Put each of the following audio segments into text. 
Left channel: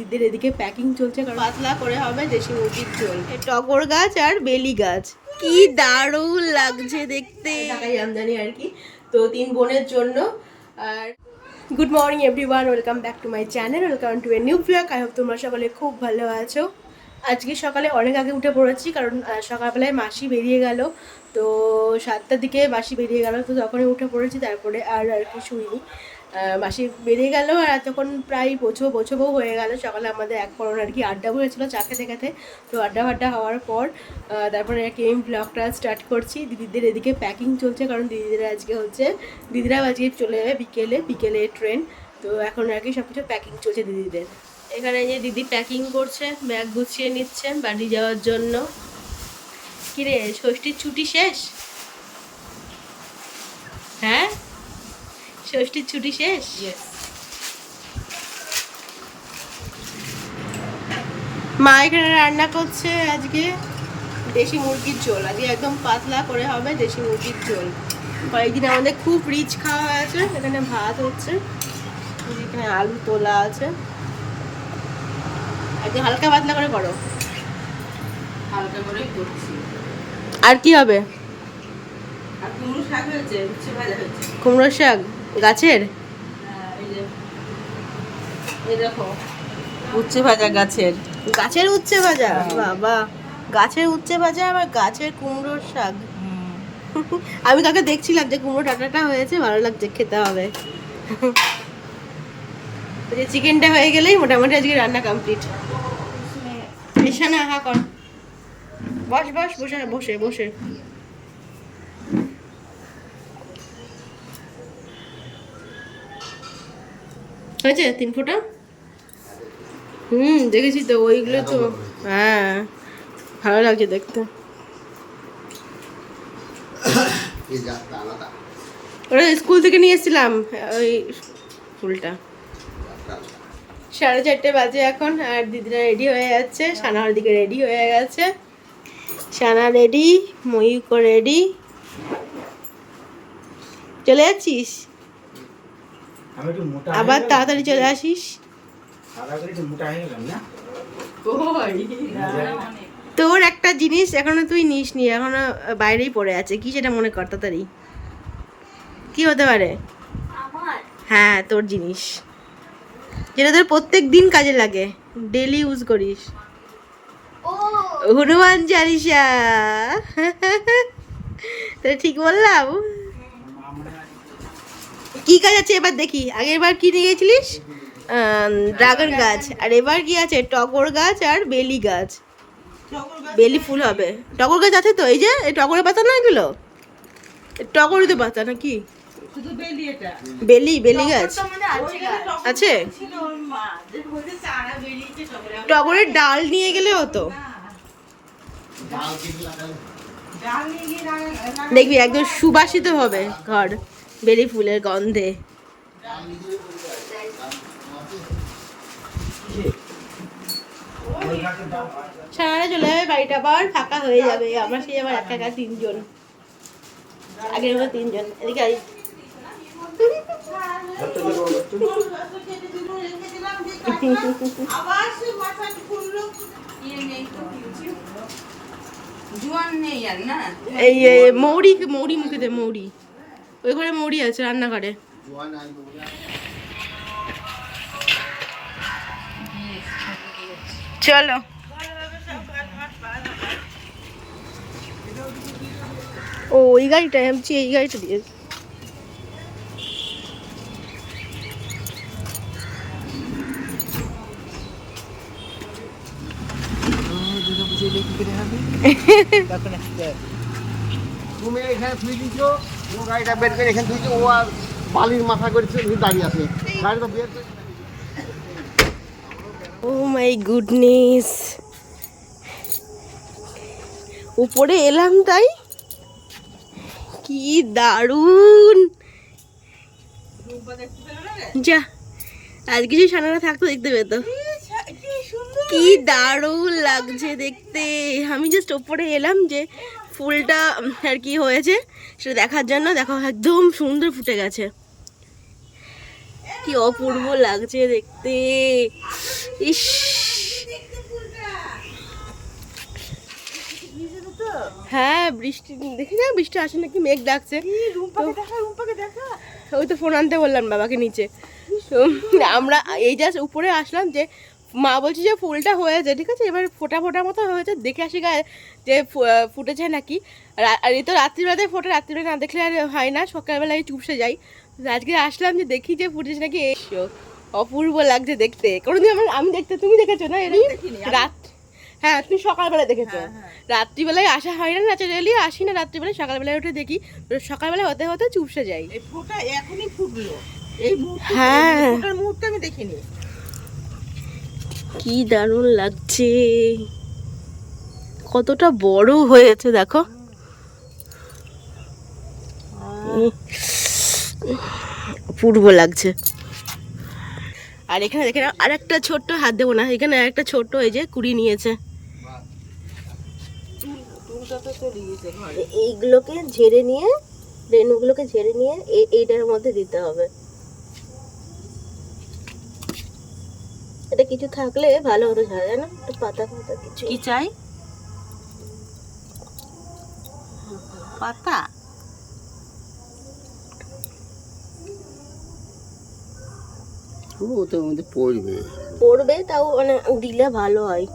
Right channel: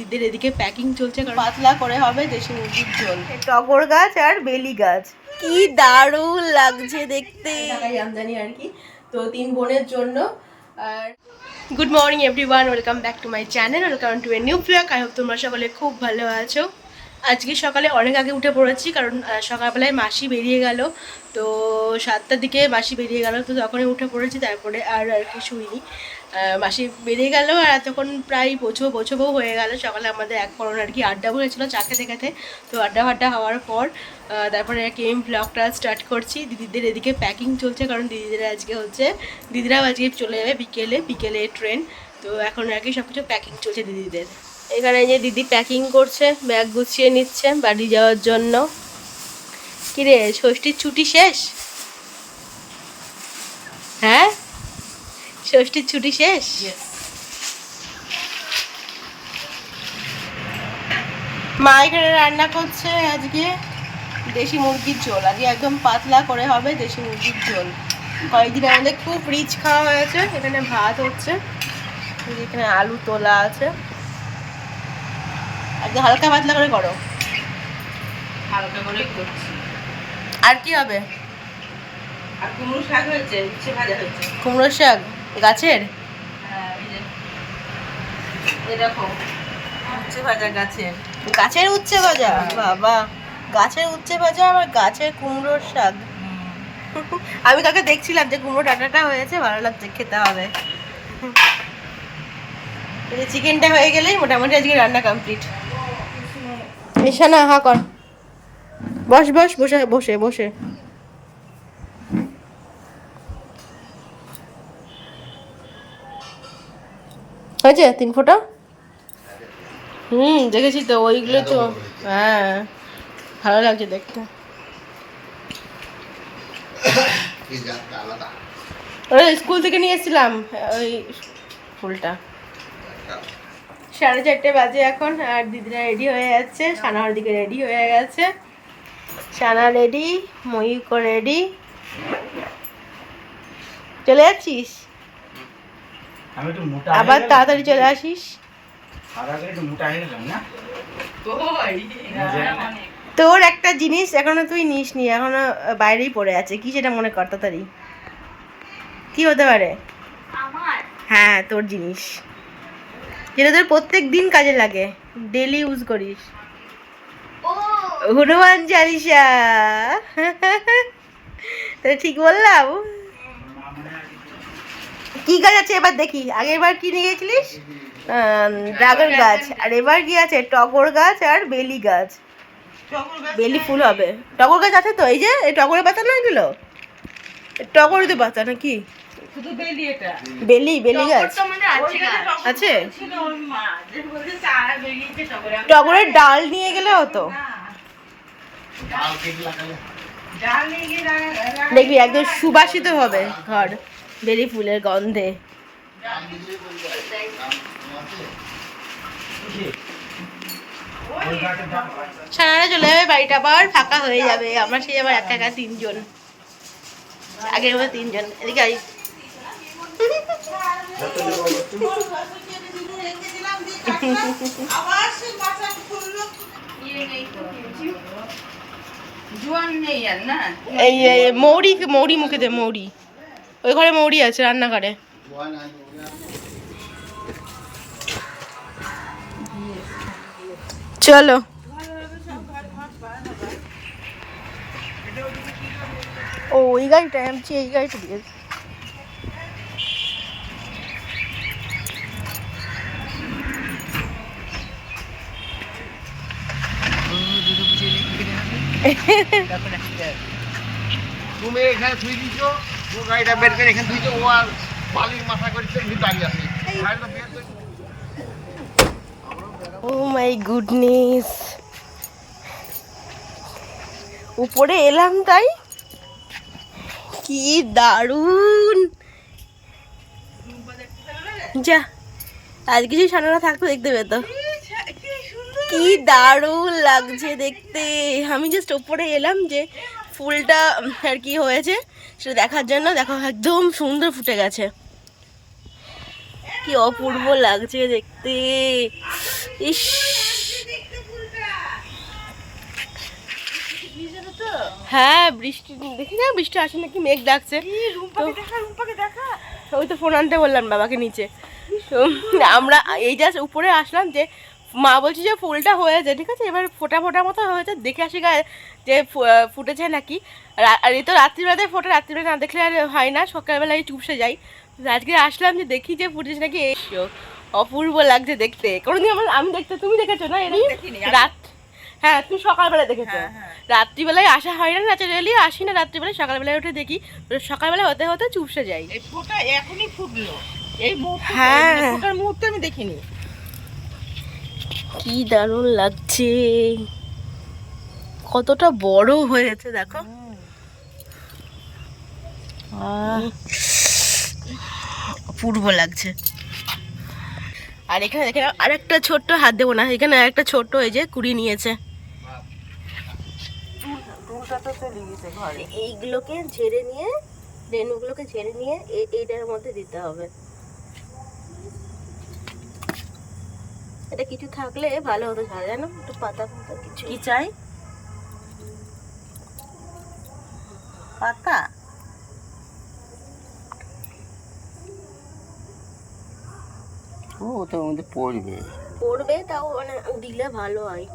দিদিদের এদিকে প্যাকিং চলছে, কারণ পাতলা করে হবে দেশি মুরগির ঝোল। টগর গাছ আর বেলি গাছ, কি দারুণ লাগছে দেখতে, ঢাকাই আমদানি আর কি। তো 3 বোনের জন্য। আর good morning everyone, welcome back to my channel, welcome to a new blog. I hope তোমরা সকলে খুব ভালো আছো। আজকে সকালে অনেক আগে উঠে পড়েছি, কারণ সকালবেলায় মাসি বেরিয়ে গেল। তো 7টার দিকে মাসি বেরিয়ে গেল, তো তখনই উঠে পড়েছি। তারপরে আর কি শুইনি। মাসি বেরিয়ে গেল আর তখন প্রায় বোঝবো হয়ে গেল। সকালে আমাদের এক পরন আর কি আড্ডা বলেছিল চা খেতে খেতে। তো আড্ডা ফাড্ডা হওয়ার পর তারপরে আর কি আমি ব্লগটা স্টার্ট করছি। দিদিদের এদিকে প্যাকিং চলছে, কারণ দিদিরাও আজকে চলে যাবে বিকেলে ট্রেন। তো এখন আর কি সব কিছু প্যাকিং চলছে দিদিদের। এখানে যে দিদি প্যাকিং করছে, ব্যাগ গুছিয়ে নিচ্ছে বাড়ি যাওয়ার জন্য। কিরে, ষষ্ঠীর ছুটি শেষ? হ্যাঁ, ষষ্ঠীর ছুটি শেষ। মা এখানে রান্না করছে আজকে দেশি মুরগির ঝোল। আজকে একদম পাতলা করে হবে দেশি মুরগির ঝোল। কয়েকদিন আমাদের খুব রিচ খাওয়া হয়েছে। এখানে ভাত হচ্ছে, এখানে আলু তোলা আছে। আজকে হালকা পাতলা করে করো। হালকা করে করছি। আর কি হবে? আর কুমড়ো শাক হয়েছে, উচ্ছে ভাজা হয়েছে। কুমড়ো শাক গাছের? হ্যাঁ, এই দেখো উচ্ছে ভাজা গাছের উচ্ছে ভাজা। বাবা, গাছের উচ্ছে ভাজা আবার গাছের কুমড়োর শাক। আমি কাকে দেখছিলাম যে কুমড়ো টাটাটা হয়েছে, ভালো লাগছে, খেতে হবে। চিকেনটা হয়ে গেলেই মোটামুটি আজকে রান্না কমপ্লিট। নিশানা হা কর, বস বসে হয়েছে 3 ফোঁটা। দেখেছি তো ওইগুলো তো। হ্যাঁ, ভালো লাগছে দেখতে। ওরা স্কুল থেকে নিয়ে এসেছিলাম ওই ফুলটা। 4:30 বাজে এখন, আর দিদিরা রেডি হয়ে যাচ্ছে। সানার দিকে রেডি হয়ে গেছে। সানা রেডি, ময়ূক রেডি। চলে যাচ্ছিস? আবার তাড়াতাড়ি চলে আসিস। তোর একটা জিনিস এখনো তুই নিসনি, এখনো বাইরেই পড়ে আছে। কি সেটা মনে কর তাড়াতাড়ি। কি হতে পারে? হ্যাঁ, তোর জিনিস যেটা তোর প্রত্যেক দিন কাজে লাগে, ডেলি ইউজ করিস। হনুমান চালিসা। তাহলে ঠিক বললাম? কি গাছ আছে এবার দেখি। আগের বার কি নিয়ে গেছিলিস? ড্রাগন গাছ। আর এবার কি আছে? টগর গাছ আর বেলি গাছ। বেলি ফুল হবে। টগর গাছ আছে তো, এই যে এই টগরের পাতা না এগুলো? টগরই তো পাতা নাকি? শুধু বেলি, এটা বেলি গাছ আছে। টগরের ডাল নিয়ে গেলে হতো, দেখবি একদম সুবাসিত হবে ঘর বেলি ফুলের গন্ধে। সারা চলে যাবে, বাড়িটা আবার ফাঁকা হয়ে যাবে। আমরা সেই আবার একা 3 জন, আগের মতো 3 জন। এদিকে আই। এই মৌরি মুখে দে, মৌরি। ওই ঘরে মৌরি আছে, রান্নাঘরে। চলো। ও এই গাড়িটা এমছি, এই গাড়িটা দিয়ে তুমি এখানে থুই দিছো, ও গাড়িটা বের করে এখানে থুইছো, ও আর বালির মাথা করছে দাঁড়িয়ে আছে গাড়িটা বের করে। ও মাই গুডনেস, উপরে এলাম তাই কি দারুণ। যা, আজ কিছু সানারা থাকতো দেখতে পেতো। কি দারুণ লাগছে দেখতে। আমি জাস্ট ওপরে এলাম যে ফুলটা আর কি হয়েছে সেটা দেখার জন্য। দেখো একদম সুন্দর ফুটে গেছে। কি অপূর্ব লাগছে দেখতে। ইস, হ্যাঁ বৃষ্টি দেখি না, বৃষ্টি আসে নাকি, মেঘ ডাকছে। ওই তো ফোন আনতে বললাম বাবাকে নিচে। তো আমরা এই জাস্ট উপরে আসলাম, যে মা বলছি যে ফুলটা হয়েছে, ঠিক আছে, এবার ফোটা ফোটা মতো হয়েছে, দেখে আসি গায়ে যে ফুটেছে নাকি। আর এই তো রাত্রিবেলাতে ফোটা, রাত্রিবেলা না দেখলে আর হয় না, সকালবেলায় চুপসে যাই। আজকে আসলাম যে দেখি যে ফুটেছে নাকি। অপূর্ব লাগছে দেখতে। কোনোদিন আমি দেখতে, তুমি দেখেছো না এরই রাত? হ্যাঁ তুমি সকালবেলা দেখেছো, রাত্রিবেলায় আসা হয় না, ন্যাচারালি আসি না রাত্রিবেলায়, সকালবেলায় উঠে দেখি, সকালবেলা হতে হতে চুপসে যাই। এই ফোঁটা এখনই ফুটলো, এই মুহূর্তে, হ্যাঁ ফোঁটার মুহূর্তে আমি দেখিনি। কি দারুণ লাগছে, কতটা বড় হয়েছে দেখো। অপূর্ব লাগছে। আর এখানে দেখে আর একটা ছোট্ট, হাত দেবো না, এখানে একটা ছোট্ট এই যে কুড়ি নিয়েছে। ফুলটা তো চলে গেছে ঘরে। এইগুলোকে ঝেড়ে নিয়ে, রেণুগুলোকে ঝেড়ে নিয়ে এইটার মধ্যে দিতে হবে। এটা কিছু থাকলে ভালো হতো, ঝাড়া জানো, পাতা পাতা কিছু। কি চাই? পাতা? ওটার মধ্যে পড়বে। পড়বে, তাও মানে দিলে ভালো হয়।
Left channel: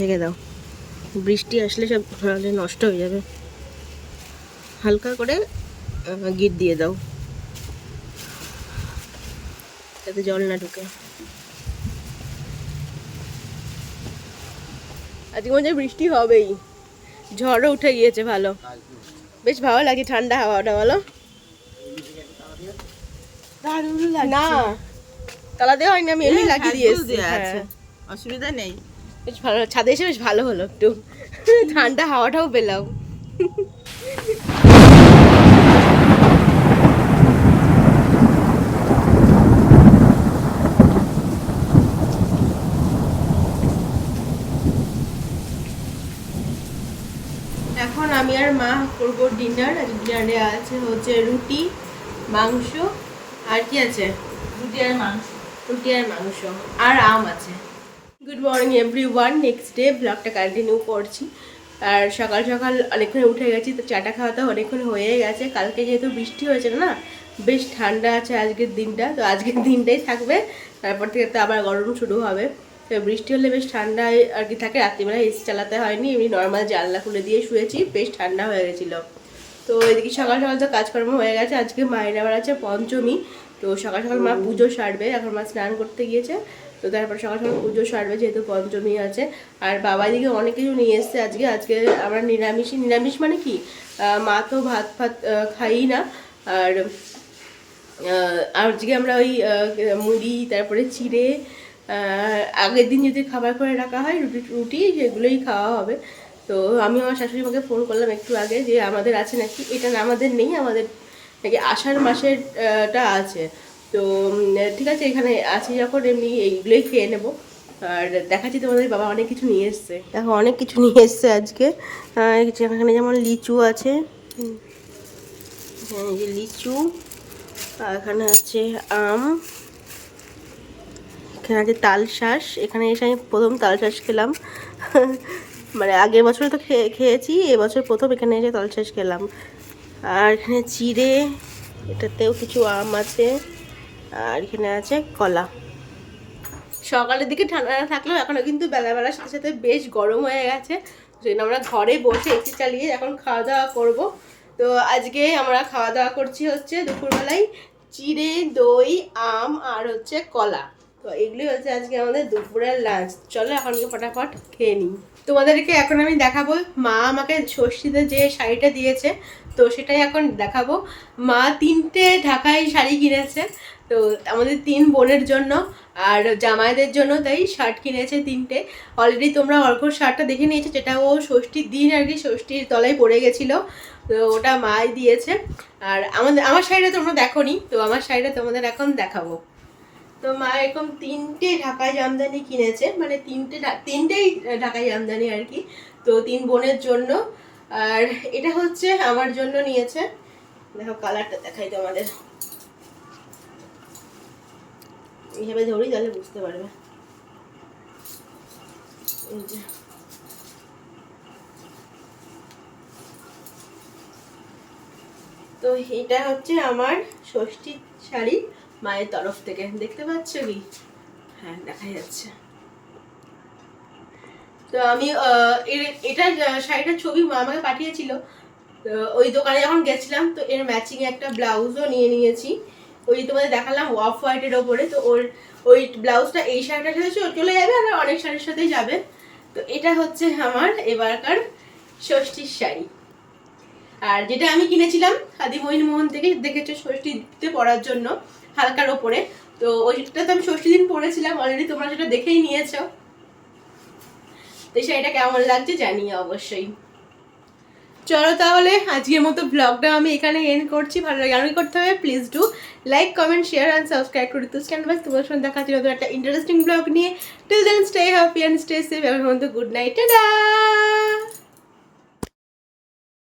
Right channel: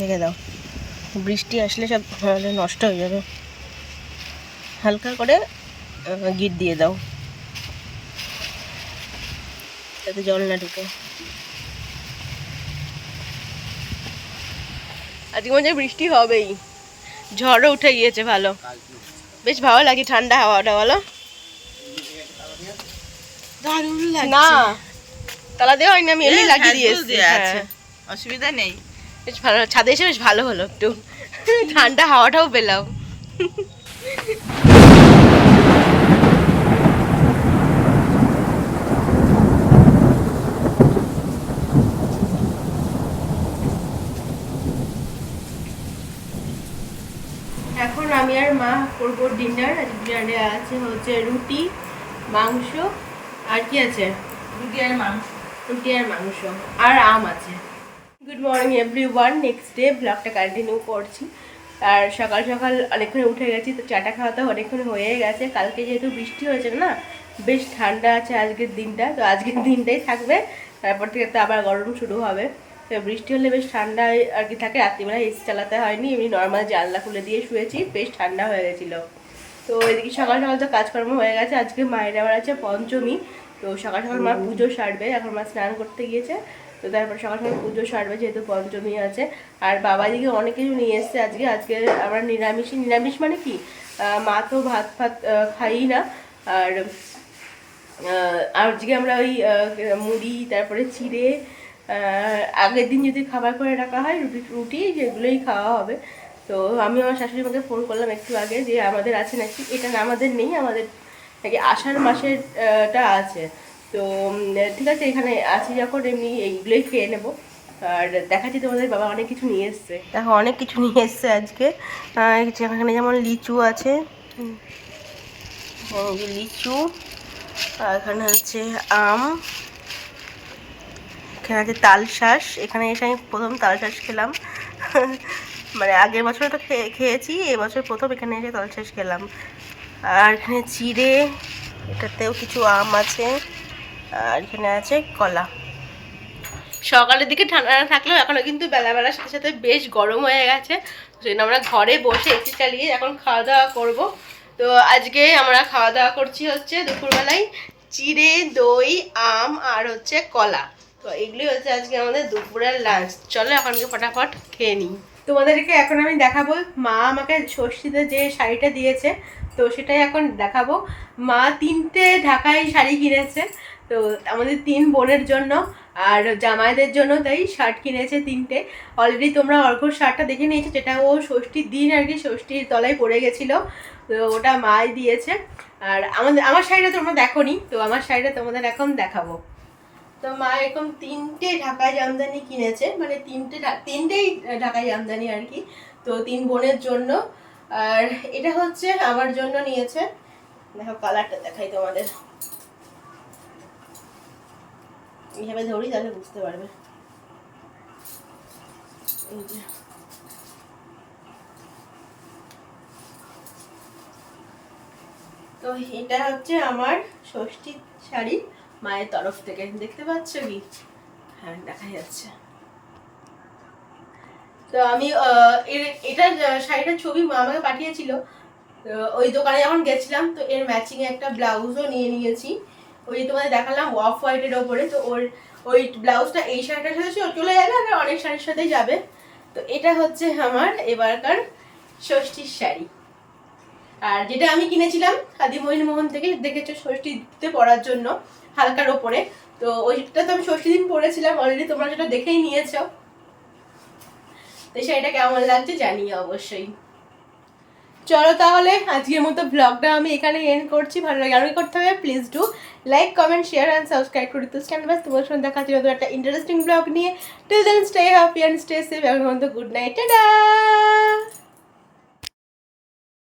ঢেকে দাও, বৃষ্টি আসলে সব নষ্ট হয়ে যাবে। হালকা করে গিট দিয়ে দাও, যাতে জল না ঢুকে। আজকে মনে হয় বৃষ্টি হবেই, ঝড়ও উঠে গিয়েছে ভালো, বেশ ভালো লাগে ঠান্ডা হাওয়াটা, বলো? না তালা দেওয়া হয়নি, আমি এমনি লাগিয়ে দিয়েছি। হ্যাঁ অসুবিধা নেই। বেশ ভালো, ছাদে এসে বেশ ভালো হলো, একটু ঠান্ডা হাওয়াটাও পেলাম। এখন আমি আর মা করবো ডিনার। আজ ডিনারে আছে হচ্ছে রুটি, মাংস, আর কি আছে, রুটি আর মাংস। রুটি আর মাংস, আর আম আছে। Good morning everyone, next day ব্লগটা কন্টিনিউ করছি। আর সকাল সকাল অনেকক্ষণ উঠে গেছি, তো চাটা খাওয়া তো অনেকক্ষণ হয়ে গেছে। কালকে যেহেতু বৃষ্টি হয়েছে না, বেশ ঠান্ডা আছে আজকের দিনটা, তো আজকের দিনটাই থাকবে, তারপর থেকে তো আবার গরম শুরু হবে। তো বৃষ্টি হলে বেশ ঠান্ডা আর কি থাকে, রাত্রিবেলা এসি চালাতে হয়নি, এমনি নর্মাল জানলা খুলে দিয়ে শুয়েছি, বেশ ঠান্ডা হয়ে গেছিলো। তো এদিকে সকাল সকাল তো কাজকর্ম হয়ে গেছে। আজকে মায়ের আবার আছে পঞ্চমী, তো সকাল সকাল মা পুজো সারবে, এখন মা স্নান করতে গিয়েছে, তো তারপর সকাল সকাল পুজো সারবে যেহেতু পঞ্চমী আছে। আর বাবা দিকে অনেক কিছু নিয়ে এসছে আজকে। আজকে আমরা নিরামিষ মানে কি, মা তো ভাত ফাত খাই না, আর আজকে আমরা ওই মুড়ি, তারপরে চিড়ে, আগের দিন যদি খাবার করে রাখা হয় রুটি সেগুলোই খাওয়া হবে। তো আমি আমার শাশুড়ি মাকে ফোন করলাম একটু আগে, যে আমাদের আছে নাকি, এটা না আমাদের নেই, আমাদের নাকি আষাঢ় মাসের টা আছে। তো ঠিক আছে, এখানে আছি যখন এমনি এইগুলোই খেয়ে নেবো। আর দেখাচ্ছি তোমাদের, বাবা অনেক কিছু নিয়ে এসছে, দেখো অনেক কিছু নিয়ে এসছে আজকে। এখানে যেমন লিচু আছে, এই যে লিচু, আর এখানে আছে আম, এখানে আছে তালশাঁস। এখানে এসে আমি প্রথম তালশাঁস খেলাম, মানে আগের বছর তো খেয়েছি, এবছর প্রথম এখানে এসে তালশাঁস খেলাম। আর এখানে চিড়ে, এটাতেও কিছু আম আছে, আর এখানে আছে কলা। সকালের দিকে ঠান্ডা থাকলেও এখনও কিন্তু বেলাবেলার সাথে সাথে বেশ গরম হয়ে গেছে, সেই জন্য আমরা ঘরে বসে এসি চালিয়ে এখন খাওয়া দাওয়া করবো। তো আজকে আমরা খাওয়া দাওয়া করছি হচ্ছে দুপুরবেলায় চিড়ে, দই, আম আর হচ্ছে কলা। তো এগুলোই হচ্ছে আজকে আমাদের দুপুরের লাঞ্চ। চলো এখনকে ফটাফট খেয়ে নিই। তোমাদেরকে এখন আমি দেখাবো, মা আমাকে ষষ্ঠীতে যে শাড়িটা দিয়েছে, তো সেটাই এখন দেখাবো। মা 3টে ঢাকাই শাড়ি কিনেছে, তো আমাদের 3 বোনের জন্য আর জামাইদের জন্য, তাই শার্ট কিনেছে 3টে। অলরেডি তোমরা অর্ঘ্যর শার্টটা দেখে নিয়েছো, যেটা ও ষষ্ঠীর দিন আর কি ষষ্ঠীর তলায় পড়ে গেছিলো, তো ওটা মাই দিয়েছে। আর আমার শাড়িটা তোমরা দেখোনি, তো আমার শাড়িটা তোমাদের এখন দেখাবো। তো মা এরকম 3টে ঢাকাই জামদানি কিনেছে, মানে 3টেই ঢাকাই জামদানি আর কি, তো 3 বোনের জন্য। আর এটা হচ্ছে আমার জন্য নিয়েছে, দেখো কালারটা দেখাই তোমাদের, এইভাবে ধরি তাহলে বুঝতে পারবে। এই যে তো এটা হচ্ছে আমার ষষ্ঠীর শাড়ি মায়ের তরফ থেকে, দেখতে পাচ্ছ কি? হ্যাঁ দেখা যাচ্ছে। তো আমি এটা শাড়িটার ছবি মা আমাকে পাঠিয়েছিল, তো ওই দোকানে যখন গেছিলাম তো এর ম্যাচিং একটা ব্লাউজও নিয়ে নিয়েছি, ওই তোমাদের দেখালাম অফ হোয়াইটের ওপরে। তো ওই ব্লাউজটা এই শাড়িটার সাথে চলে যাবে, আর অনেক শাড়ির সাথেই যাবে। তো এটা হচ্ছে আমার এবারকার ষষ্ঠীর শাড়ি। আর যেটা আমি কিনেছিলাম খাদি মোহন থেকে, দেখেছো ষষ্ঠীতে পরার জন্য হালকার ওপরে, তো ওইটা তো আমি ষষ্ঠী দিন পরেছিলাম অলরেডি, তোমরা সেটা দেখেই নিয়েছো। তো শাড়িটা কেমন লাগছে জানিয়ে অবশ্যই। চলো তাহলে আজকের মতো ব্লগটা আমি এখানে এন্ড করছি। ভালো লাগে আর কি করতে হবে, please do like, comment, share and subscribe to Ritu's canvas. তোমার সঙ্গে দেখা হচ্ছে নতুন একটা ইন্টারেস্টিং ব্লগ নিয়ে। Till then stay happy and stay safe. এখন গুড নাইট, টাটা।